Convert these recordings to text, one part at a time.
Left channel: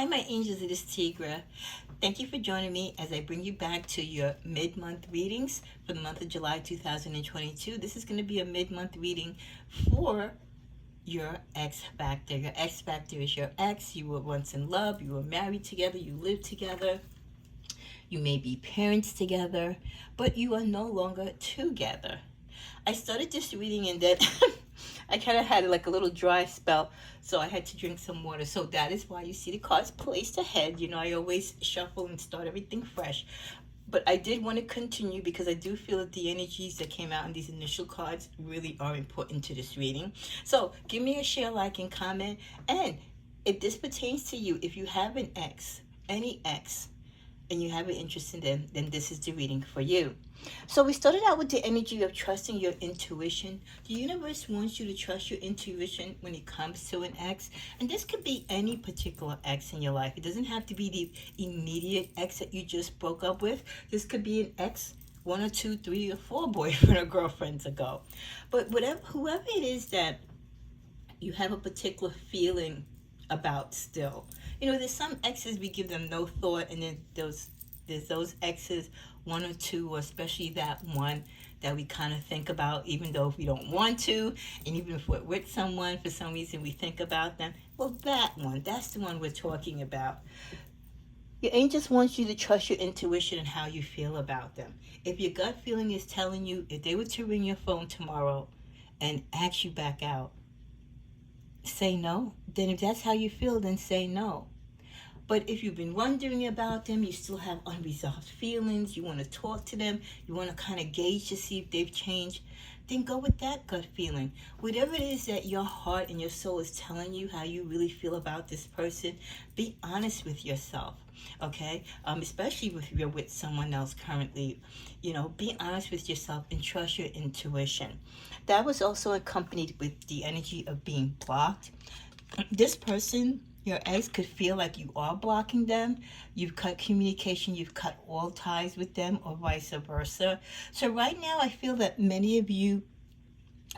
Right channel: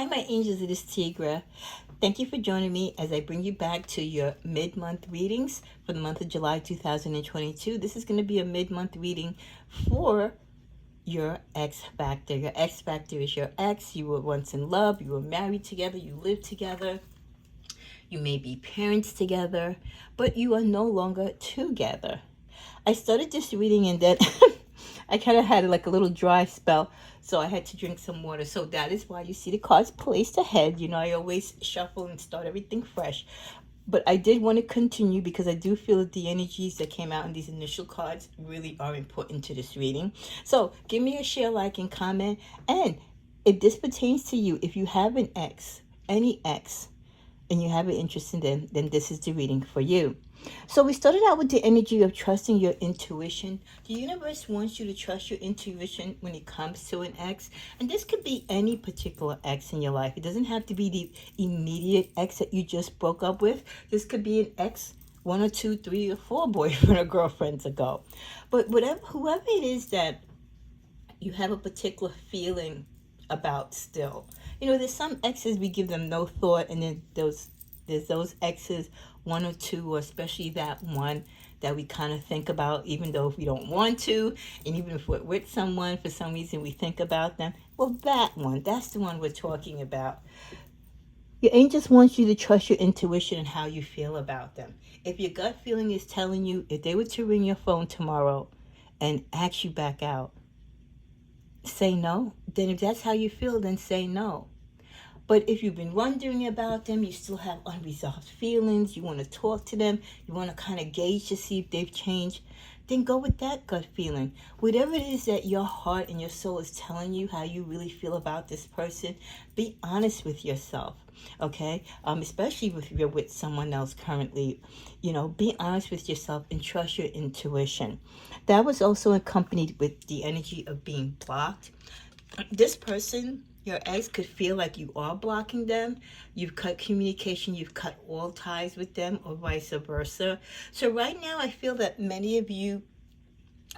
Hi, my angels, it is Tigra. Thank you for joining me as I bring you back to your mid-month readings for the month of July 2022. This is going to be a mid-month reading for your X Factor. Your X Factor is your ex. You were once in love. You were married together. You lived together. You may be parents together, but you are no longer together. I started this reading and then I kind of had like a little dry spell, so I had to drink some water. So that is why you see the cards placed ahead. You know, I always shuffle and start everything fresh. But I did want to continue because I do feel that the energies that came out in these initial cards really are important to this reading. So give me a share, like, and comment. And if this pertains to you, if you have an ex, any ex, and you have an interest in them, then this is the reading for you. So we started out with the energy of trusting your intuition. The universe wants you to trust your intuition when it comes to an ex. And this could be any particular ex in your life. It doesn't have to be the immediate ex that you just broke up with. This could be an ex 1 or 2, 3 or 4 boyfriend or girlfriends ago. But whoever it is that you have a particular feeling about still. You know, there's some exes we give them no thought, and then there's those exes, 1 or 2, or especially that one that we kind of think about, even though if we don't want to, and even if we're with someone, for some reason we think about them. Well, that one, that's the one we're talking about. Your angels want you to trust your intuition and how you feel about them. If your gut feeling is telling you, if they were to ring your phone tomorrow and ask you back out, say no. Then if that's how you feel, then say no. But if you've been wondering about them, you still have unresolved feelings, you want to talk to them, you want to kind of gauge to see if they've changed, then go with that gut feeling. Whatever it is that your heart and your soul is telling you how you really feel about this person, be honest with yourself, okay? Especially if you're with someone else currently, you know, be honest with yourself and trust your intuition. That was also accompanied with the energy of being blocked. This person, your ex, could feel like you are blocking them. You've cut communication, you've cut all ties with them, or vice versa. So right now I feel that many of you,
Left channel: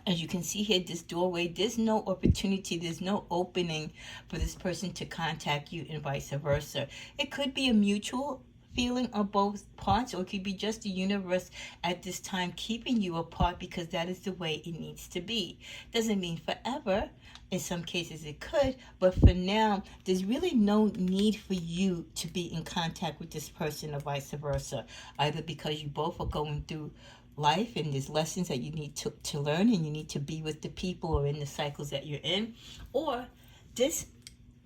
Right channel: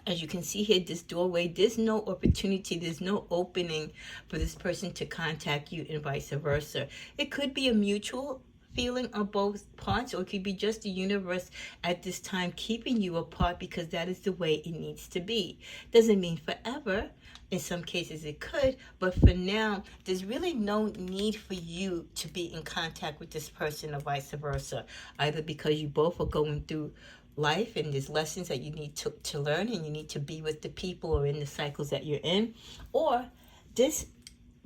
as you can see here, this doorway, there's no opportunity, there's no opening for this person to contact you, and vice versa. It could be a mutual feeling on both parts, or it could be just the universe at this time keeping you apart because that is the way it needs to be. Doesn't mean forever. In some cases it could, but for now, there's really no need for you to be in contact with this person or vice versa, either because you both are going through life and there's lessons that you need to learn, and you need to be with the people or in the cycles that you're in, or this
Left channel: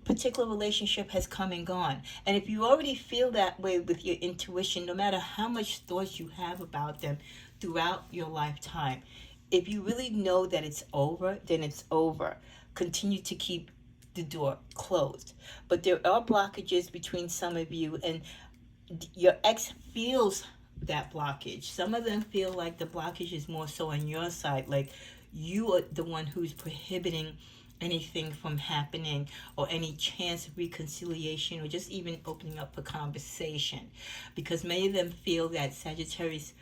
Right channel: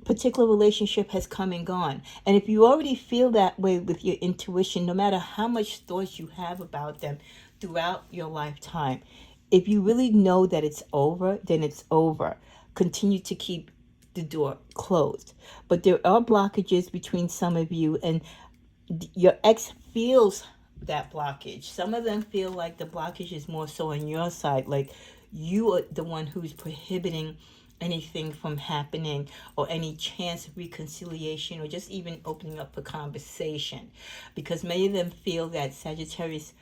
particular relationship has come and gone. And if you already feel that way with your intuition, no matter how much thoughts you have about them throughout your lifetime, if you really know that it's over, then it's over. Continue to keep the door closed. But there are blockages between some of you, and your ex feels that blockage. Some of them feel like the blockage is more so on your side, like you are the one who's prohibiting anything from happening, or any chance of reconciliation, or just even opening up a conversation, because many of them feel that Sagittarius,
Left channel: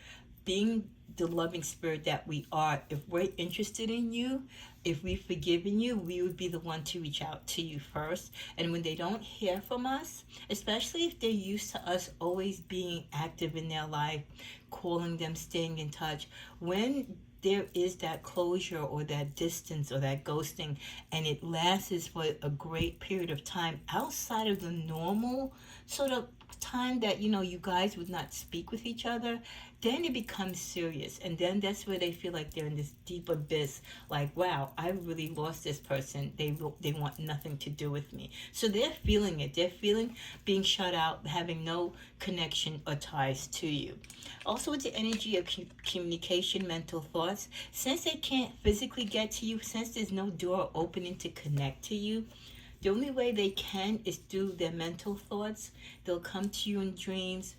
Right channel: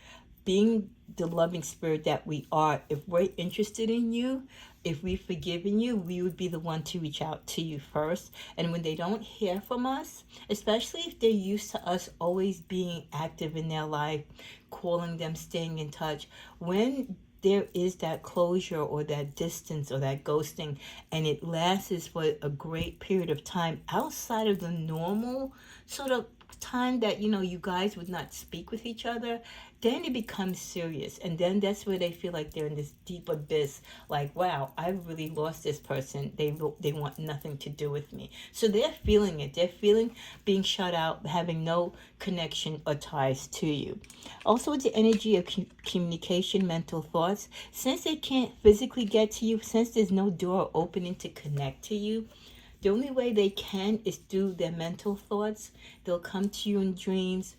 being the loving spirit that we are, if we're interested in you, if we've forgiven you, we would be the one to reach out to you first. And when they don't hear from us, especially if they're used to us always being active in their life, calling them, staying in touch, when there is that closure or that distance or that ghosting, and it lasts for a great period of time outside of the normal sort of time that, you know, you guys would not speak with each other, then it becomes serious. And then that's where they feel like they're in this deep abyss, like, wow, I really lost this person, they want nothing to do with me. So they're feeling it, they're feeling being shut out, having no connection or ties to you. Also with the energy of communication, mental thoughts, since they can't physically get to you, since there's no door opening to connect to you, the only way they can is through their mental thoughts. They'll come to you in dreams.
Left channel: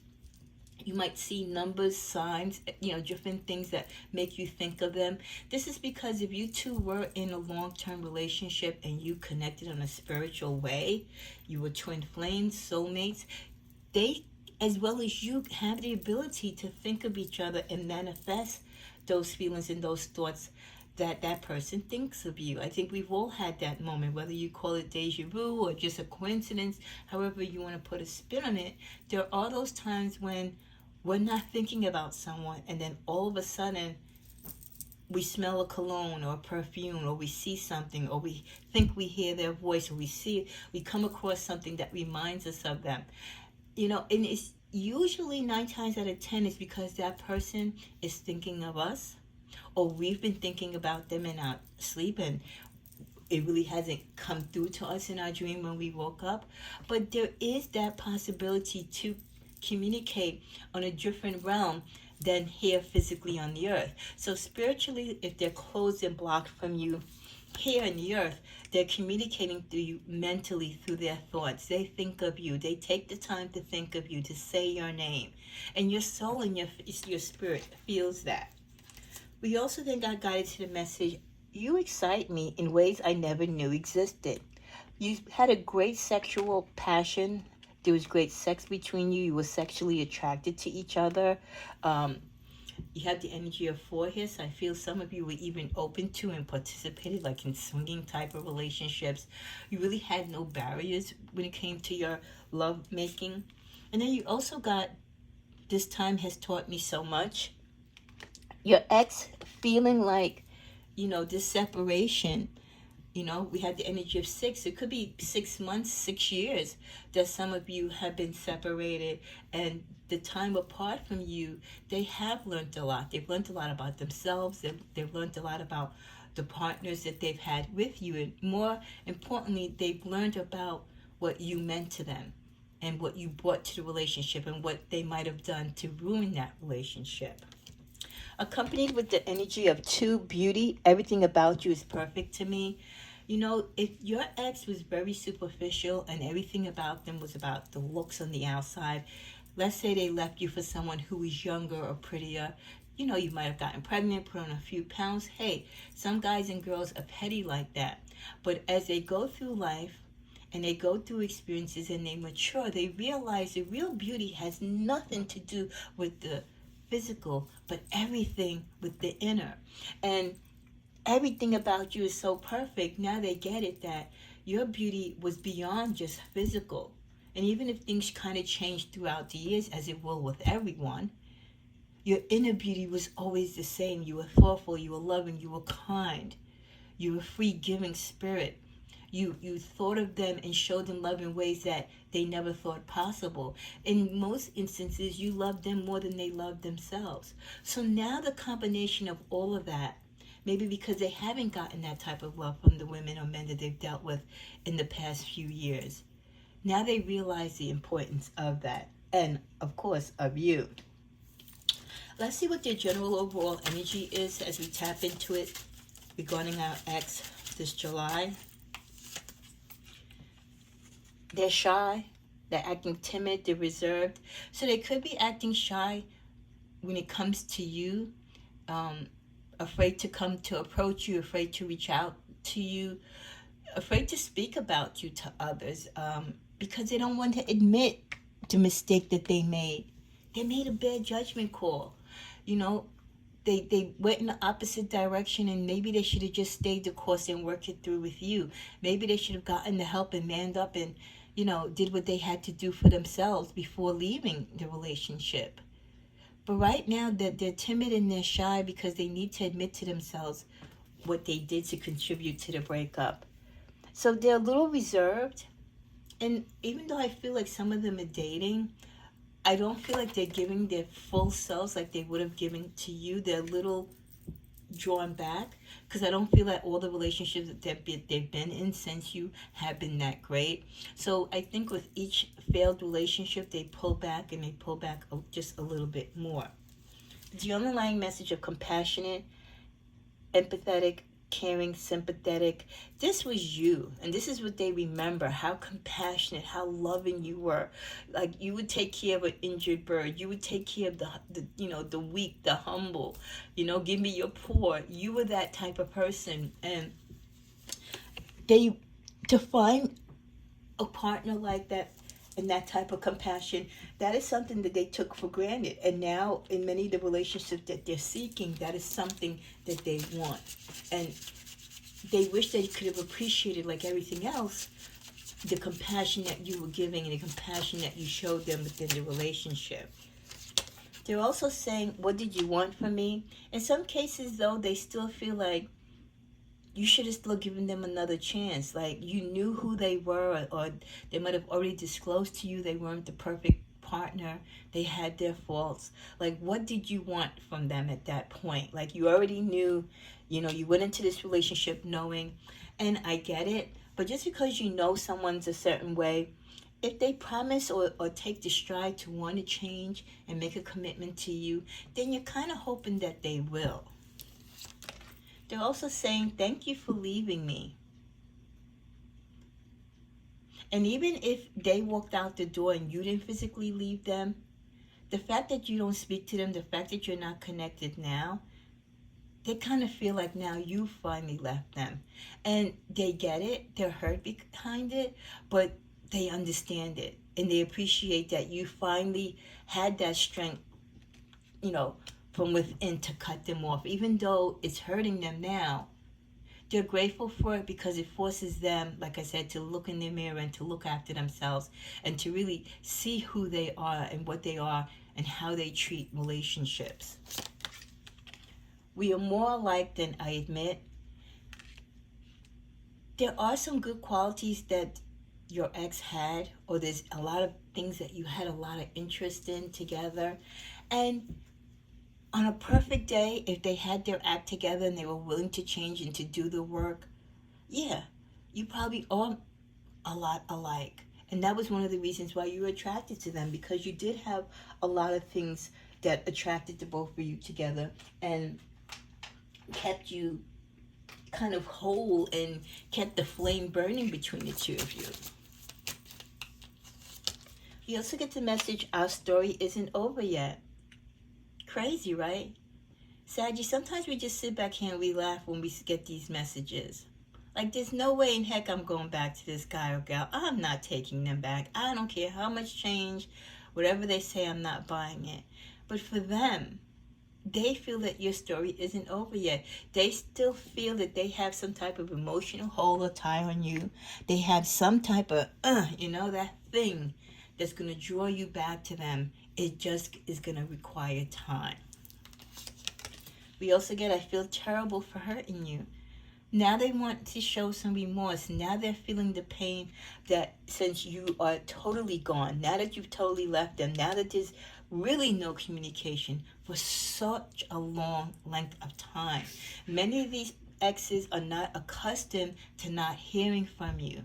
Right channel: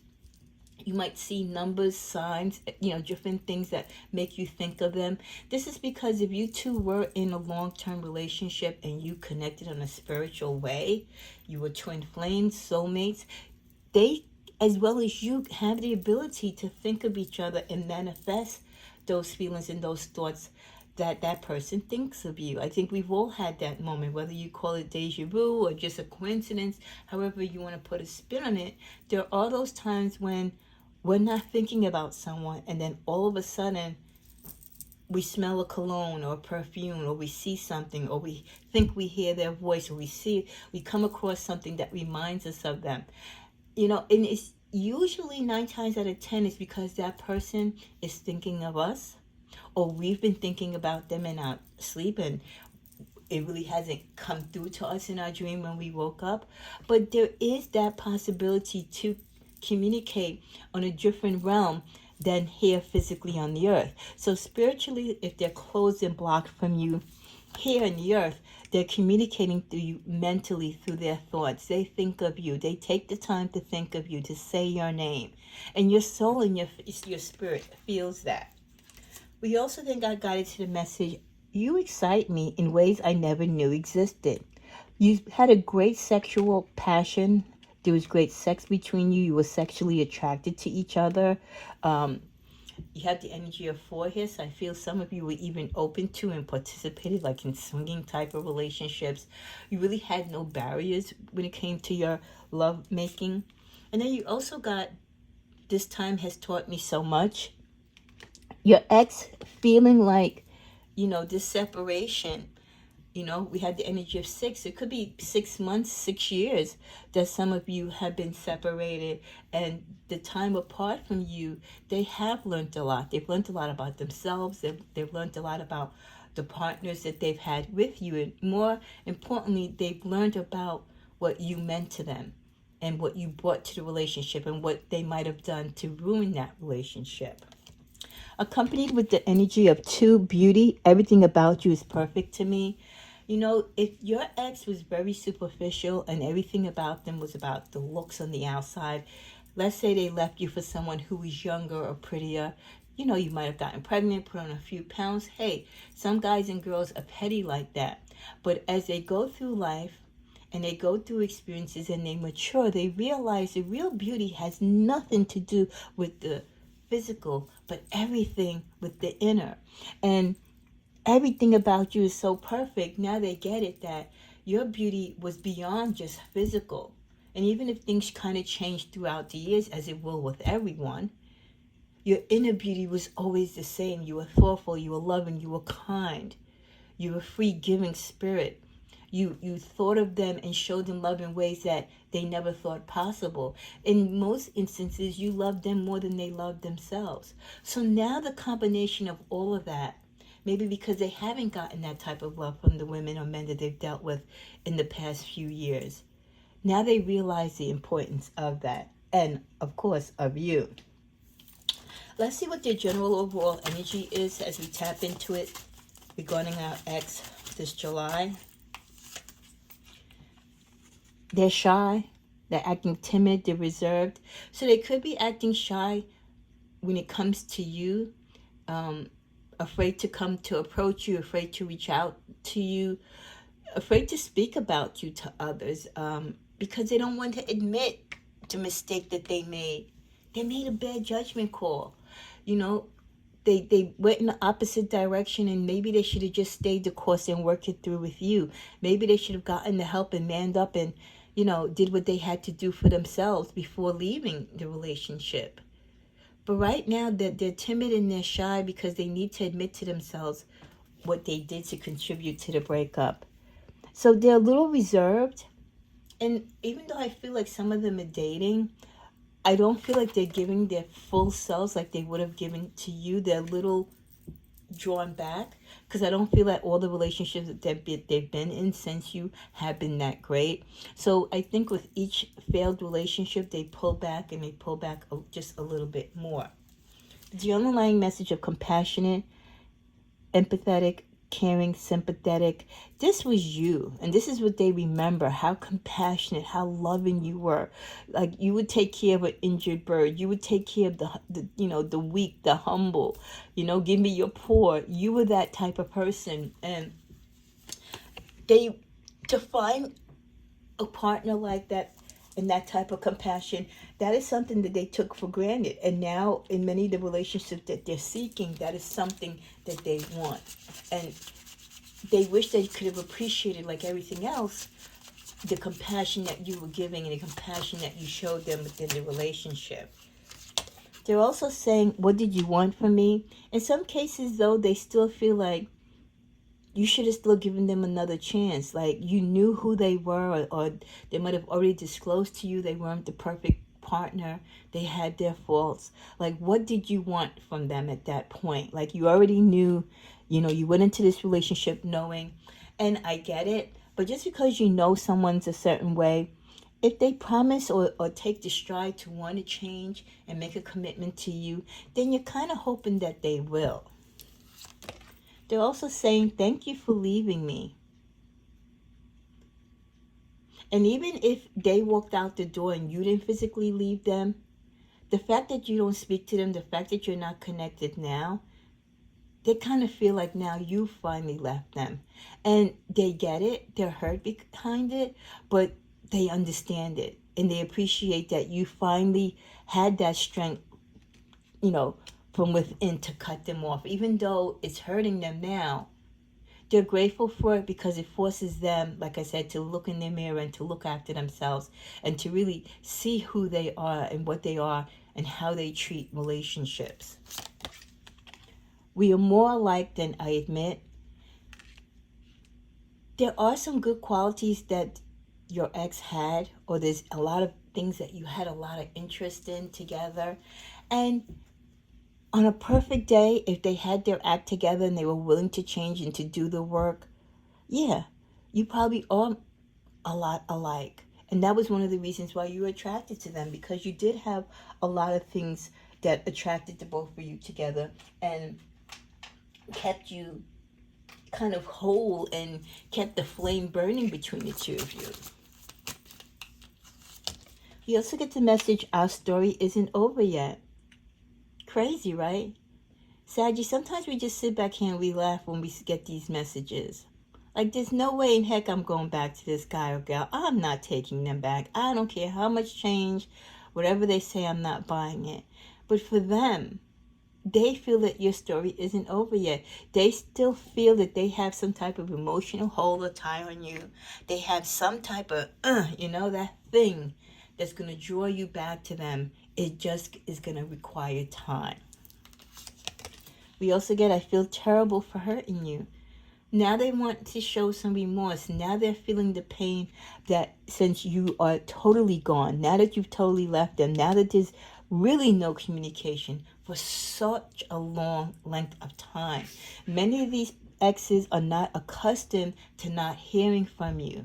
You might see numbers, signs, you know, different things that make you think of them. This is because if you two were in a long-term relationship and you connected on a spiritual way, you were twin flames, soulmates, they, as well as you, have the ability to think of each other and manifest those feelings and those thoughts that that person thinks of you. I think we've all had that moment, whether you call it deja vu or just a coincidence, however you want to put a spin on it. There are those times when we're not thinking about someone, and then all of a sudden we smell a cologne or a perfume, or we see something, or we think we hear their voice, or we come across something that reminds us of them. And it's usually 9 times out of 10 is because that person is thinking of us, or we've been thinking about them in our sleep, and it really hasn't come through to us in our dream when we woke up. But there is that possibility to communicate on a different realm than here physically on the earth. So spiritually, if they're closed and blocked from you here on the earth, they're communicating through you mentally through their thoughts. They think of you. They take the time to think of you, to say your name. And your soul and your spirit feels that. We also then got guided to the message, you excite me in ways I never knew existed. You had a great sexual passion. There was great sex between you. You were sexually attracted to each other. You had the energy of 4 here, so I feel some of you were even open to and participated like in swinging type of relationships. You really had no barriers when it came to your love making. And then you also got, this time has taught me so much. Your ex feeling like, this separation. We had the energy of 6. It could be 6 months, 6 years that some of you have been separated, and the time apart from you, they have learned a lot. They've learned a lot about themselves. They've learned a lot about the partners that they've had with you. And more importantly, they've learned about what you meant to them and what you brought to the relationship and what they might have done to ruin that relationship. Accompanied with the energy of 2, beauty, everything about you is perfect to me. If your ex was very superficial and everything about them was about the looks on the outside, let's say they left you for someone who was younger or prettier, you might have gotten pregnant, put on a few pounds. Hey, some guys and girls are petty like that. But as they go through life and they go through experiences and they mature, they realize the real beauty has nothing to do with the physical, but everything with the inner. And everything about you is so perfect. Now they get it, that your beauty was beyond just physical. And even if things kind of change throughout the years, as it will with everyone, your inner beauty was always the same. You were thoughtful, you were loving, you were kind, you were a free giving spirit. You thought of them and showed them love in ways that they never thought possible. In most instances, you loved them more than they loved themselves. So now the combination of all of that, maybe because they haven't gotten that type of love from the women or men that they've dealt with in the past few years, now they realize the importance of that and, of course, of you. Let's see what their general overall energy is as we tap into it regarding our ex this July. They're shy, they're acting timid, they're reserved. So they could be acting shy when it comes to you, afraid to come to approach you, afraid to reach out to you, afraid to speak about you to others, because they don't want to admit the mistake that they made. They made a bad judgment call. They went in the opposite direction, and maybe they should have just stayed the course and worked it through with you. Maybe they should have gotten the help and manned up and, did what they had to do for themselves before leaving the relationship. But right now, they're timid and they're shy because they need to admit to themselves what they did to contribute to the breakup. So they're a little reserved. And even though I feel like some of them are dating, I don't feel like they're giving their full selves like they would have given to you. They're a little drawn back because I don't feel like all the relationships that they've been in since you have been that great. So I think with each failed relationship, they pull back and they pull back just a little bit more. The underlying message of compassionate, empathetic, caring, sympathetic. This was you, and this is what they remember, how compassionate, how loving you were. Like, you would take care of an injured bird. You would take care of the weak, the humble. Give me your poor. You were that type of person. And to find a partner like that, and that type of compassion, that is something that they took for granted. And now in many of the relationships that they're seeking, that is something that they want. And they wish they could have appreciated, like everything else, the compassion that you were giving and the compassion that you showed them within the relationship. They're also saying, what did you want from me? In some cases, though, they still feel like you should have still given them another chance. Like you knew who they were, or they might have already disclosed to you they weren't the perfect partner. They had their faults. Like, what did you want from them at that point? Like, you already knew, you went into this relationship knowing, and I get it, but just because you know someone's a certain way, if they promise or take the stride to want to change and make a commitment to you, then you're kind of hoping that they will. They're also saying, thank you for leaving me. And even if they walked out the door and you didn't physically leave them, the fact that you don't speak to them, the fact that you're not connected now, they kind of feel like now you finally left them. And they get it, they're hurt behind it, but they understand it. And they appreciate that you finally had that strength, from within to cut them off. Even though it's hurting them now, they're grateful for it because it forces them, like I said, to look in their mirror and to look after themselves and to really see who they are and what they are and how they treat relationships. We are more alike than I admit. There are some good qualities that your ex had, or there's a lot of things that you had a lot of interest in together. And on a perfect day, if they had their act together and they were willing to change and to do the work, yeah, you probably are a lot alike. And that was one of the reasons why you were attracted to them, because you did have a lot of things that attracted the both of you together and kept you kind of whole and kept the flame burning between the two of you. You also get the message, our story isn't over yet. Crazy, right? Saggy, sometimes we just sit back here and we laugh when we get these messages. Like, there's no way in heck I'm going back to this guy or gal. I'm not taking them back. I don't care how much change, whatever they say, I'm not buying it. But for them, they feel that your story isn't over yet. They still feel that they have some type of emotional hold or tie on you. They have some type of, that thing that's going to draw you back to them. It just is going to require time. We also get, I feel terrible for hurting you. Now they want to show some remorse. Now they're feeling the pain that since you are totally gone, now that you've totally left them, now that there's really no communication for such a long length of time. Many of these exes are not accustomed to not hearing from you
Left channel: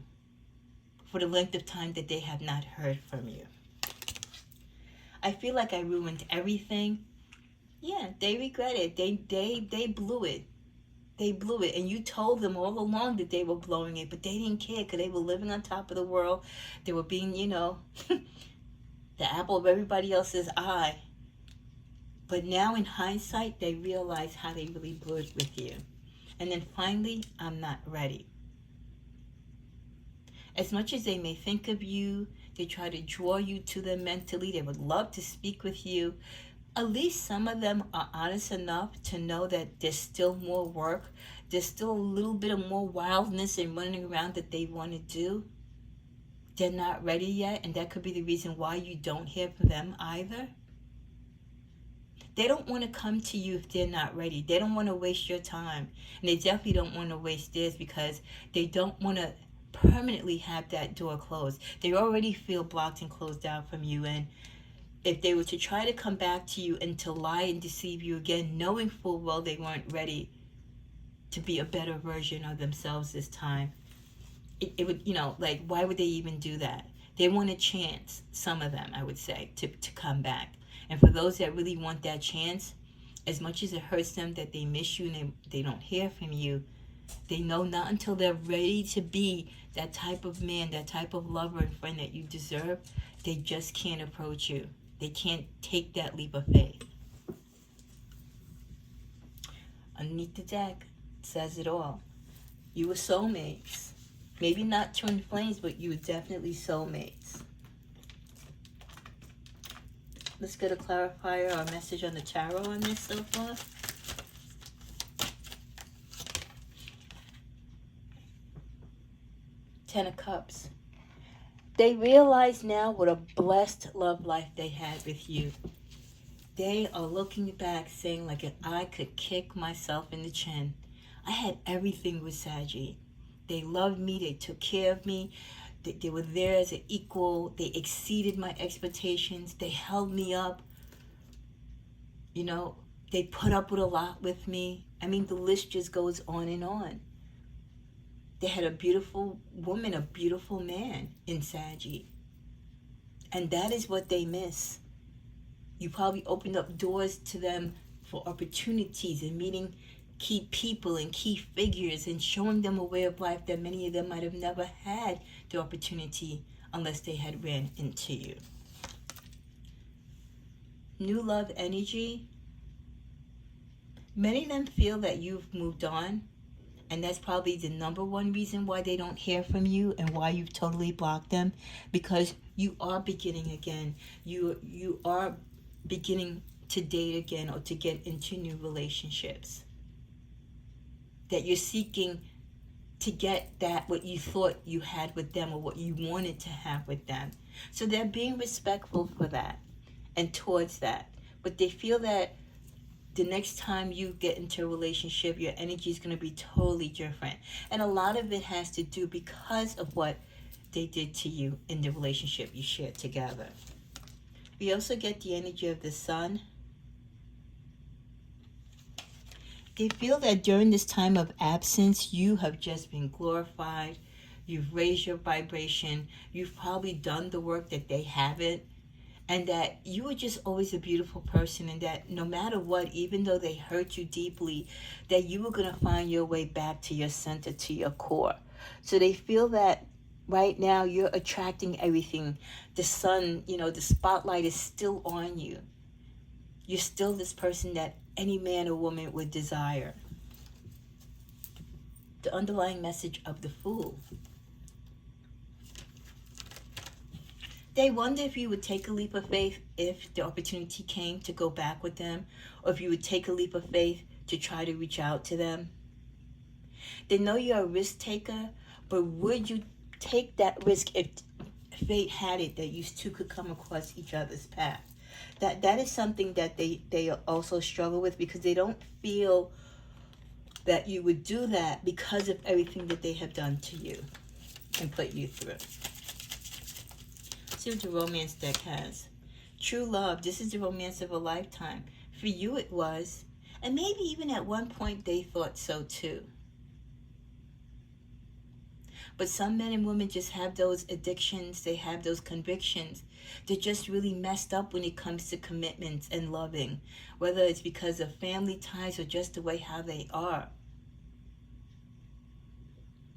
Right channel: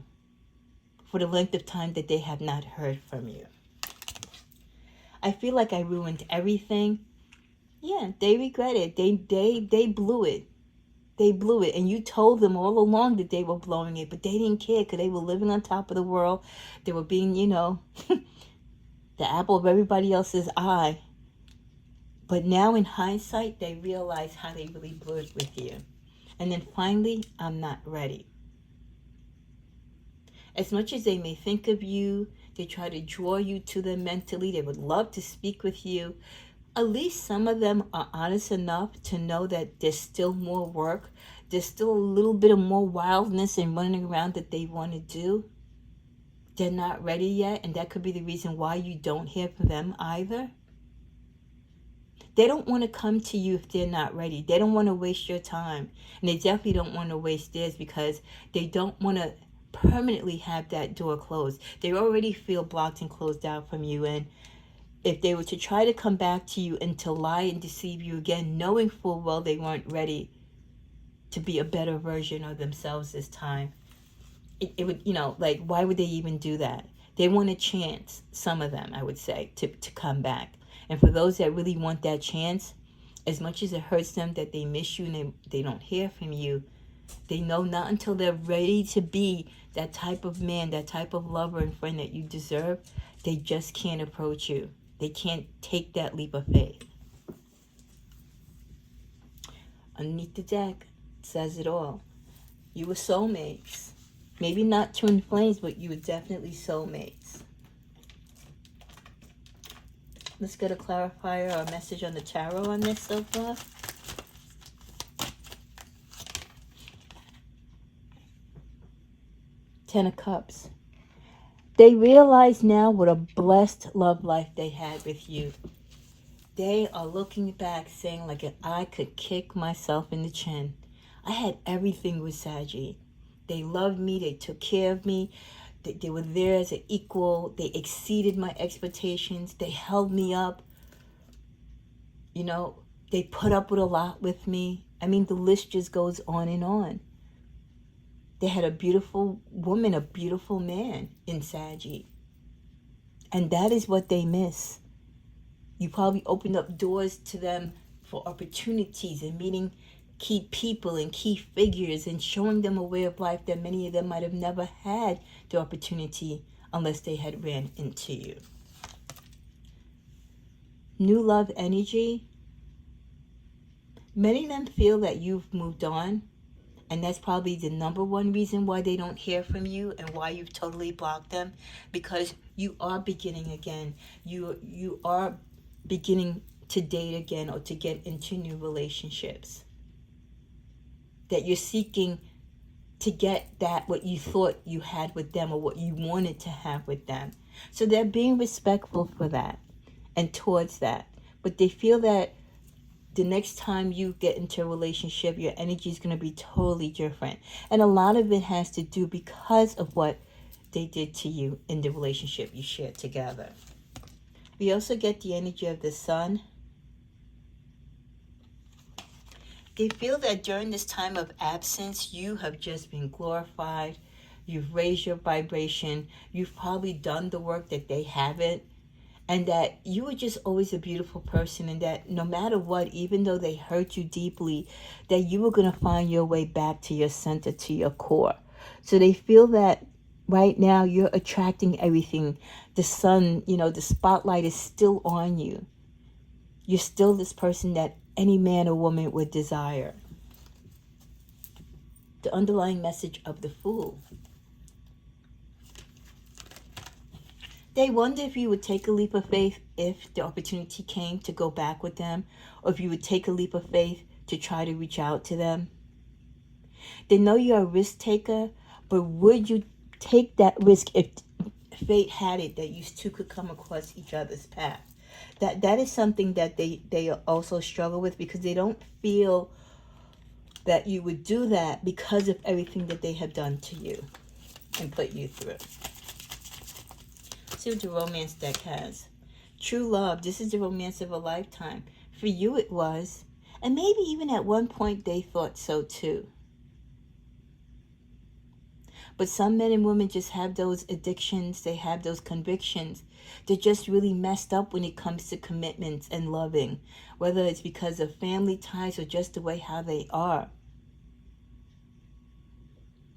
for the length of time that they have not heard from you. I feel like I ruined everything. Yeah, they regret it. They blew it. They blew it. And you told them all along that they were blowing it, but they didn't care because they were living on top of the world. They were being, the apple of everybody else's eye. But now in hindsight, they realize how they really blew it with you. And then finally, I'm not ready. As much as they may think of you, they try to draw you to them mentally. They would love to speak with you. At least some of them are honest enough to know that there's still more work. There's still a little bit of more wildness and running around that they want to do. They're not ready yet, and that could be the reason why you don't hear from them either. They don't want to come to you if they're not ready. They don't want to waste your time. And they definitely don't want to waste theirs because they don't want to permanently have that door closed. They already feel blocked and closed out from you. And if they were to try to come back to you and to lie and deceive you again, knowing full well they weren't ready to be a better version of themselves this time, it would, why would they even do that? They want a chance, some of them, I would say, to come back. And for those that really want that chance, as much as it hurts them that they miss you and they don't hear from you, they know not until they're ready to be that type of man, that type of lover and friend that you deserve, they just can't approach you. They can't take that leap of faith. Underneath the deck, it says it all. You were soulmates. Maybe not twin flames, but you were definitely soulmates. Let's get a clarifier or a message on the tarot on this so far. Ten of Cups. They realize now what a blessed love life they had with you. They are looking back saying, like, if I could kick myself in the chin. I had everything with Saggy. They loved me. They took care of me. They were there as an equal. They exceeded my expectations. They held me up. You know, they put up with a lot with me. I mean, the list just goes on and on. They had a beautiful woman, a beautiful man in Saggy. And that is what they miss. You probably opened up doors to them for opportunities and meeting key people and key figures and showing them a way of life that many of them might have never had the opportunity unless they had ran into you. New love energy. Many of them feel that you've moved on. And that's probably the number one reason why they don't hear from you and why you've totally blocked them. Because you are beginning again. You are beginning to date again or to get into new relationships. That you're seeking to get that what you thought you had with them or what you wanted to have with them. So they're being respectful for that and towards that. But they feel that the next time you get into a relationship, your energy is going to be totally different. And a lot of it has to do because of what they did to you in the relationship you shared together. We also get the energy of the Sun. They feel that during this time of absence, you have just been glorified. You've raised your vibration. You've probably done the work that they haven't. And that you were just always a beautiful person, and that no matter what, even though they hurt you deeply, that you were going to find your way back to your center, to your core. So they feel that right now you're attracting everything. The sun, you know, the spotlight is still on you. You're still this person that any man or woman would desire. The underlying message of the Fool. They wonder if you would take a leap of faith if the opportunity came to go back with them, or if you would take a leap of faith to try to reach out to them. They know you're a risk taker, but would you take that risk if fate had it that you two could come across each other's path? That is something that they also struggle with, because they don't feel that you would do that because of everything that they have done to you and put you through. See what the romance deck has. True love. This is the romance of a lifetime. For you it was. And maybe even at one point they thought so too. But some men and women just have those addictions. They have those convictions. They're just really messed up when it comes to commitments and loving. Whether it's because of family ties or just the way how they are.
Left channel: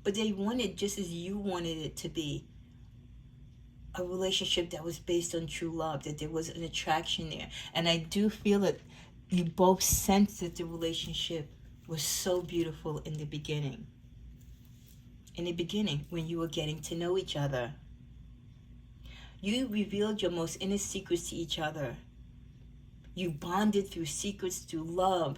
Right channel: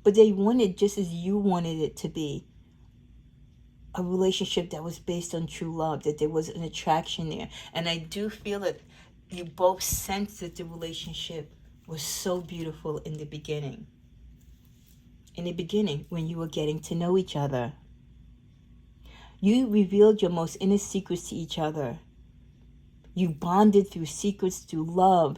But they wanted just as you wanted it to be. A relationship that was based on true love, that there was an attraction there. And I do feel that you both sensed that the relationship was so beautiful in the beginning. In the beginning, when you were getting to know each other. You revealed your most inner secrets to each other. You bonded through secrets, through love.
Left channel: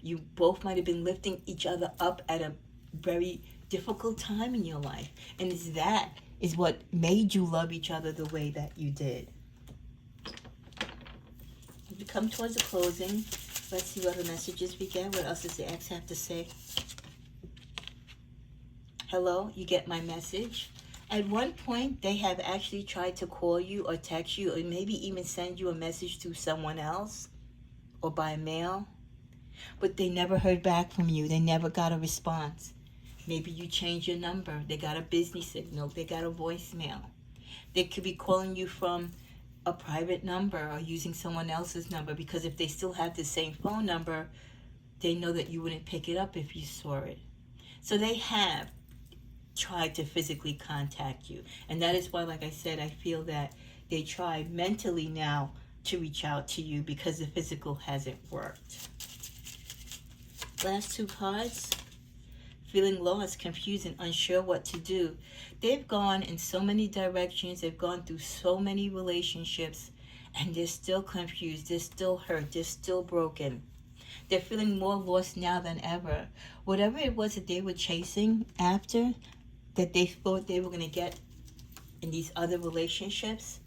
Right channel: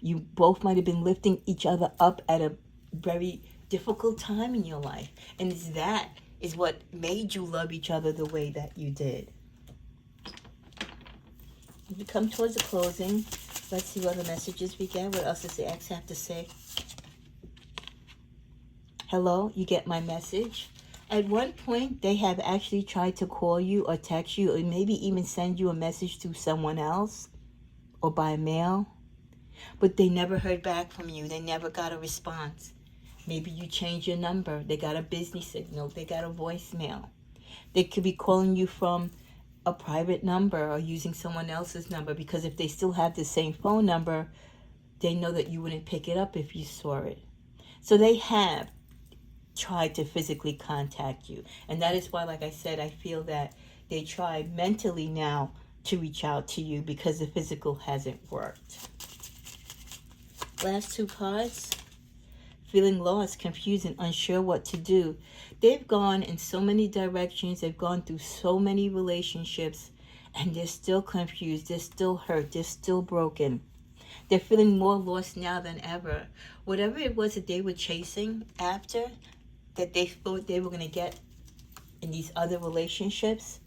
You both might have been lifting each other up at a very difficult time in your life. And it's that is what made you love each other the way that you did. We come towards the closing. Let's see what the messages we get. What else does the ex have to say? Hello, you get my message. At one point, they have actually tried to call you or text you or maybe even send you a message through someone else or by mail. But they never heard back from you. They never got a response. Maybe you changed your number. They got a busy signal. They got a voicemail. They could be calling you from a private number or using someone else's number, because if they still have the same phone number, they know that you wouldn't pick it up if you saw it. So they have tried to physically contact you. And that is why, like I said, I feel that they try mentally now to reach out to you because the physical hasn't worked. Last two cards. Feeling lost, confused, and unsure what to do. They've gone in so many directions. They've gone through so many relationships. And they're still confused, they're still hurt, they're still broken. They're feeling more lost now than ever. Whatever it was that they were chasing after, that they thought they were going to get in these other relationships,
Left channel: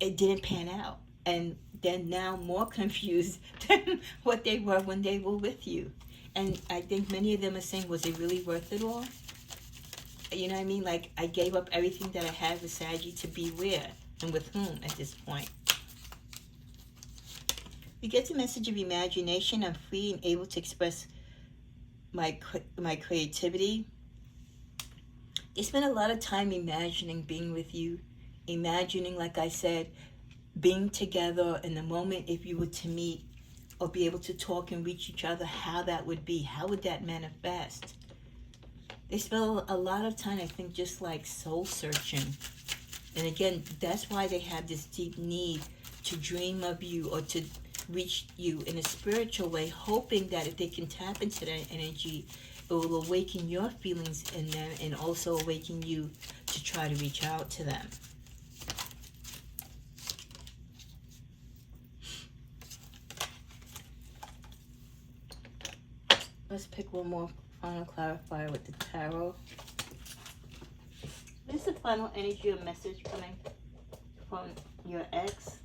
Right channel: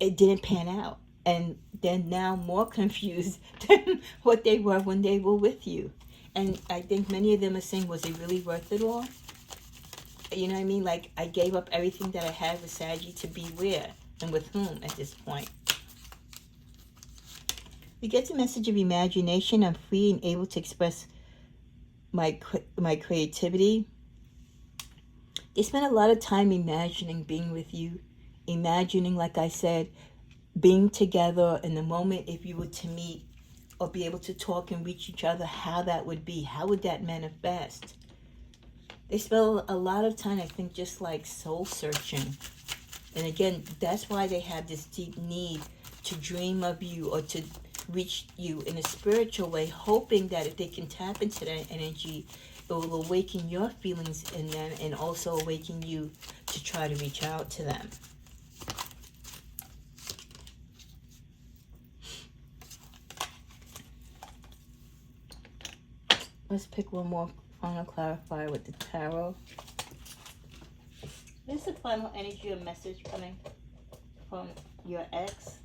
it didn't pan out. And they're now more confused than what they were when they were with you. And I think many of them are saying, was it really worth it all? You know what I mean? Like, I gave up everything that I had with Saggy to be where and with whom at this point. We get the message of imagination. I'm free and able to express my creativity. They spent a lot of time imagining being with you, imagining, like I said, being together in the moment if you were to meet or be able to talk and reach each other, how that would be, how would that manifest. They spent a lot of time, I think, just like soul searching. And again, that's why they have this deep need to dream of you or to reach you in a spiritual way, hoping that if they can tap into that energy, it will awaken your feelings in them and also awaken you to try to reach out to them. Let's pick one more final clarifier with the tarot. This is the final energy or message coming from your ex.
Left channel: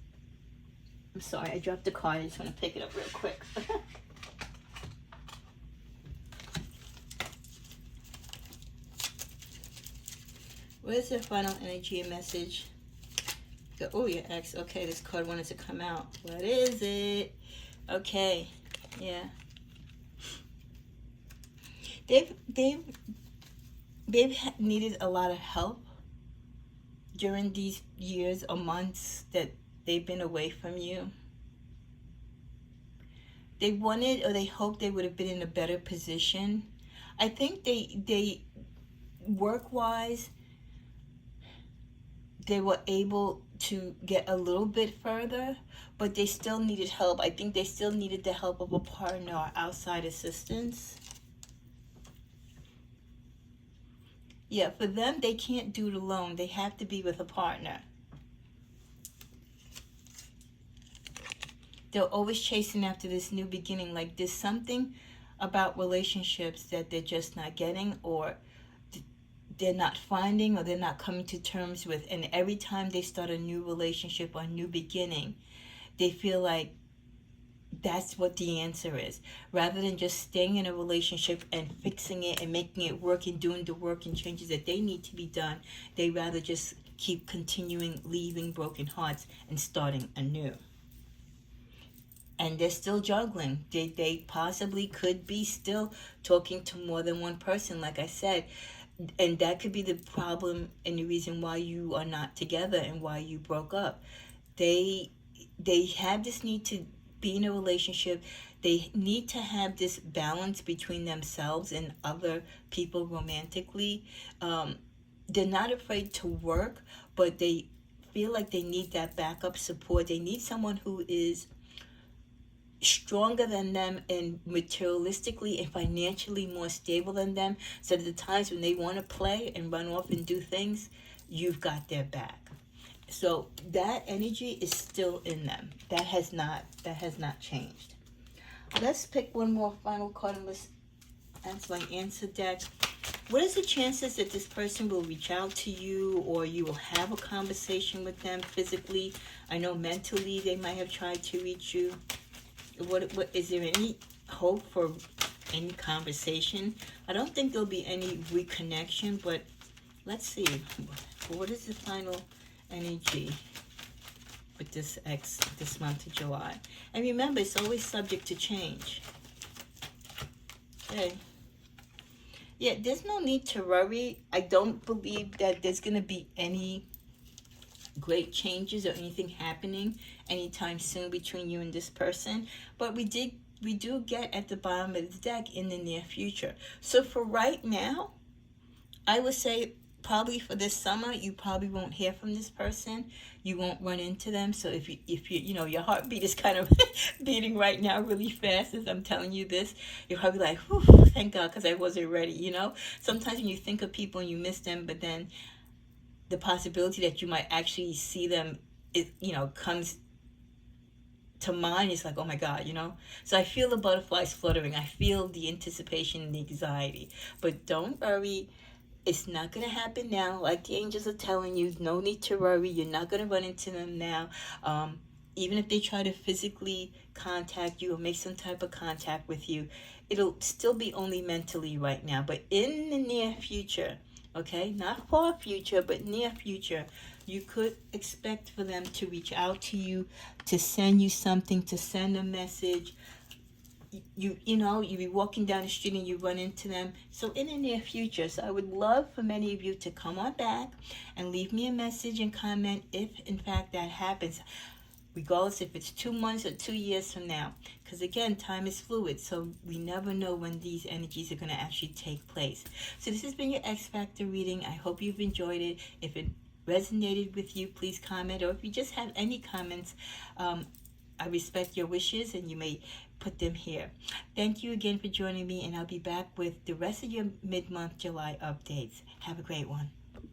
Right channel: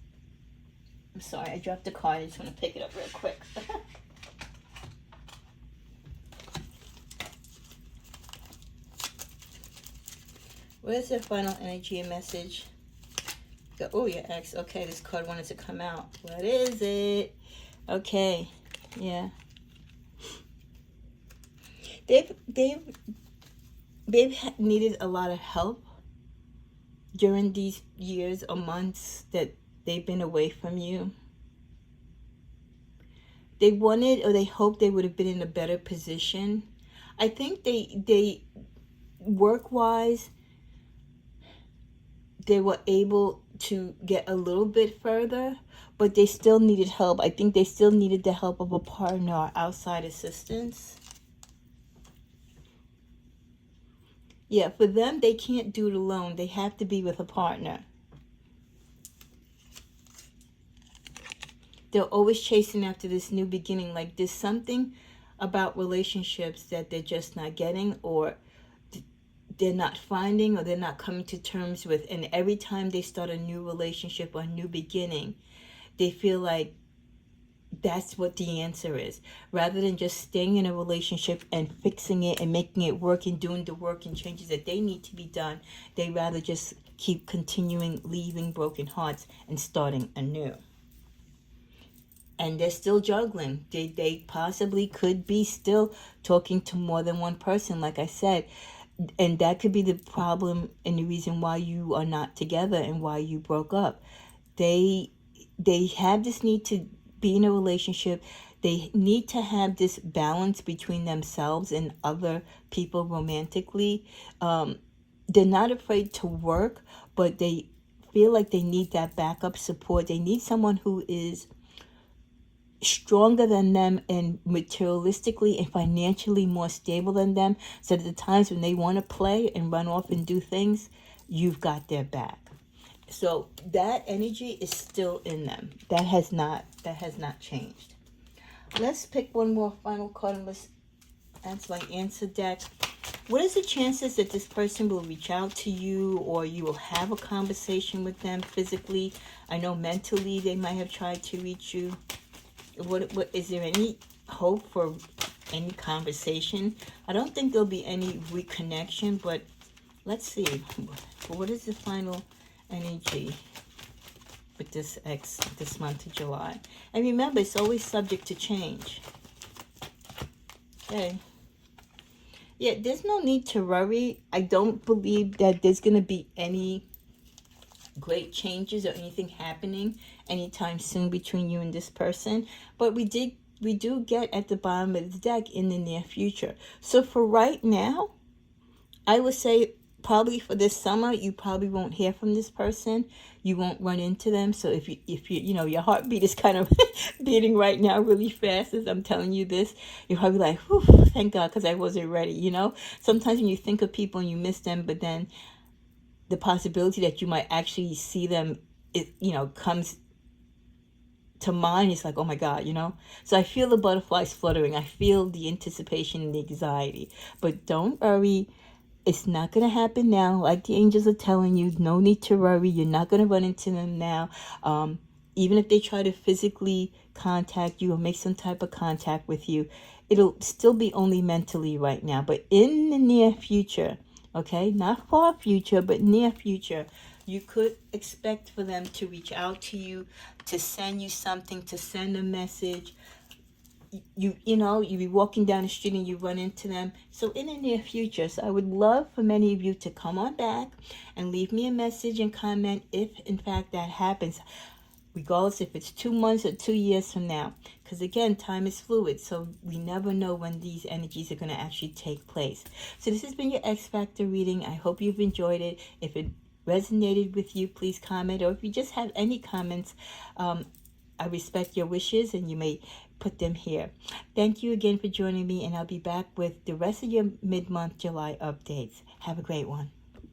I'm sorry, I dropped the card. I just want to pick it up real quick. What is the final energy and message? Oh, your ex. Okay, this card wanted to come out. What is it? Okay, yeah. They've needed a lot of help during these years or months that they've been away from you. They wanted or they hoped they would have been in a better position. I think they work-wise, they were able to get a little bit further, but they still needed help. I think they still needed the help of a partner or outside assistance. Yeah, for them, they can't do it alone. They have to be with a partner. They're always chasing after this new beginning. Like, there's something about relationships that they're just not getting, or they're not finding, or they're not coming to terms with. And every time they start a new relationship or a new beginning, they feel like that's what the answer is. Rather than just staying in a relationship and fixing it and making it work and doing the work and changes that they need to be done, they rather just keep continuing leaving broken hearts and starting anew. And they're still juggling. They possibly could be still talking to more than one person, like I said. And that could be the problem and the reason why you are not together and why you broke up. They have this need to be in a relationship. They need to have this balance between themselves and other people romantically. They're not afraid to work, but they feel like they need that backup support. They need someone who is stronger than them and materialistically and financially more stable than them, so that the times when they want to play and run off and do things, you've got their back. So that energy is still in them. That has not changed. Let's pick one more final card and let's answer my answer deck. What is the chances that this person will reach out to you, or you will have a conversation with them physically? I know mentally they might have tried to reach you. What is there any hope for any conversation? I don't think there'll be any reconnection, but let's see. What is the final energy with this ex this month of July? And remember, it's always subject to change. Okay. Yeah, there's no need to worry. I don't believe that there's going to be any great changes or anything happening anytime soon between you and this person. But we do get at the bottom of the deck in the near future. So for right now, I would say probably for this summer, you probably won't hear from this person. You won't run into them. So if you your heartbeat is kind of beating right now really fast as I'm telling you this, you're probably like, whew, thank God, because I wasn't ready, Sometimes when you think of people and you miss them, but then the possibility that you might actually see them it, comes to mind. It's like, oh my God, So I feel the butterflies fluttering. I feel the anticipation and the anxiety. But don't worry. It's not going to happen now. Like the angels are telling you, no need to worry. You're not going to run into them now. Even if they try to physically contact you or make some type of contact with you, it'll still be only mentally right now. But in the near future, okay, not far future, but near future, you could expect for them to reach out to you, to send you something, to send a message. You be walking down the street and you run into them. So in the near future, so I would love for many of you to come on back and leave me a message and comment if in fact that happens, regardless if it's 2 months or 2 years from now. Because again, time is fluid, so we never know when these energies are going to actually take place. So this has been your X Factor reading. I hope you've enjoyed it. If it resonated with you, please comment, or if you just have any comments, I respect your wishes and you may put them here. Thank you again for joining me, and I'll be back with the rest of your mid-month July updates. Have a great one.